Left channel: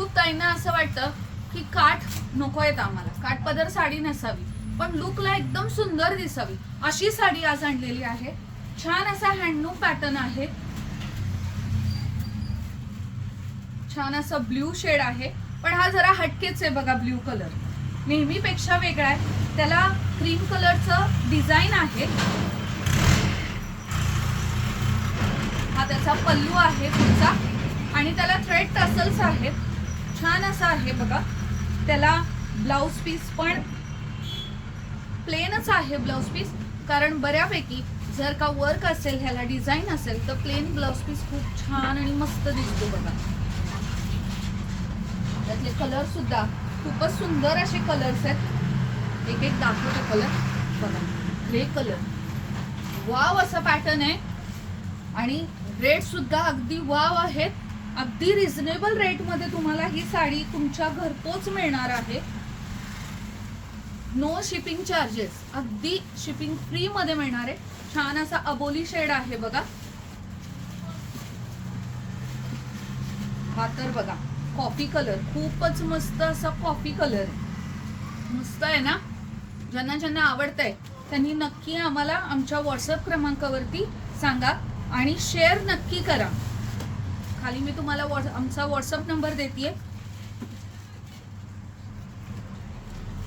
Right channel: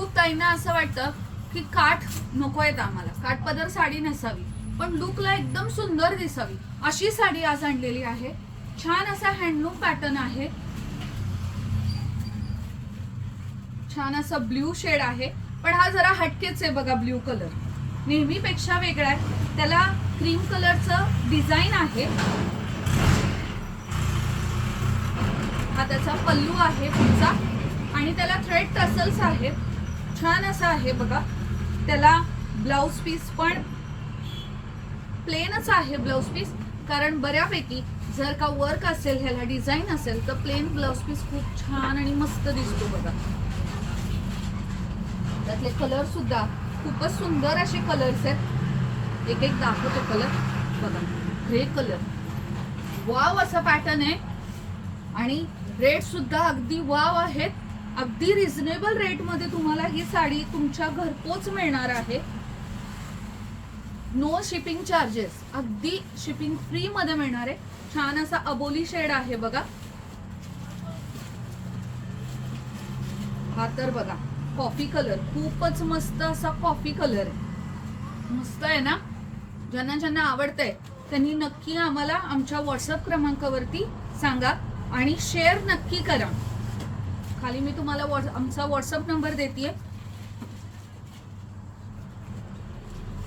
खूप ताईंना असं वाटतं की काठ नकोयत आम्हाला, काठ पदर साडी नसावी पण लुकला एकदम सुंदर दिसावी अशी साडी आज आणलेली आहे। छान असा हँडलूम पॅटर्न आहे, छान असा ब्ल्यू शेड आहे, पण हा जरा हटकेच आहे बघा। ब्ल्यू कलर नेहमीपेक्षा वेगळा आहे, त्याला क्रीम कलरचं डिझाईन आहे। हा त्याचा पल्लू आहे पुढचा आणि त्याला थ्रेड टसल्स आहेत, छान असा आहे बघा। त्याला ब्लाउज पीस पण प्लेनच आहे ब्लाउज पीस, कारण बऱ्यापैकी जर का वर्क असेल, ह्याला डिझाईन असेल तर प्लेन ब्लाउज पीस खूप छान आणि मस्त दिसतो बघा। त्यातले कलर सुद्धा खूपच सुंदर असे कलर्स आहेत। एक एक दाखवतो कलर बघा। ग्रे कलर, वाव असा पॅटर्न आहे आणि रेट सुद्धा अगदी वाव आहेत। अगदी रिझनेबल रेट मध्ये तुम्हाला ही साडी तुमच्या घरपोच मिळणार आहे। नो शिपिंग चार्जेस, अगदी शिपिंग फ्री मध्ये मिळणार आहे। छान असा अबोली शेड आहे बघा। हा तर बघा कॉफी कलर, खूपच मस्त असा कॉफी कलर आहे, मस्त आहे ना। ज्यांना ज्यांना आवडतंय त्यांनी नक्की आम्हाला आमच्या व्हॉट्सअप क्रमांकावरती सांगा आणि शेअर नक्की करा। खाली मी तुम्हाला आमचा व्हॉट्सअप नंबर देतेय।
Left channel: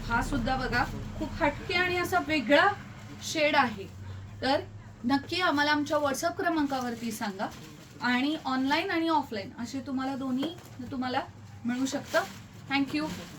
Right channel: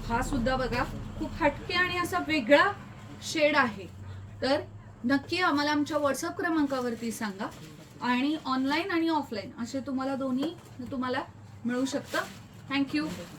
हा सुद्धा बघा खूप हटके आणि असा वेगळा शेड आहे, तर नक्की आम्हाला आमच्या व्हॉट्सअप क्रमांकावरती सांगा आणि ऑनलाईन आणि ऑफलाईन असे तुम्हाला दोन्ही तुम्हाला मिळू शकतं। थँक्यू।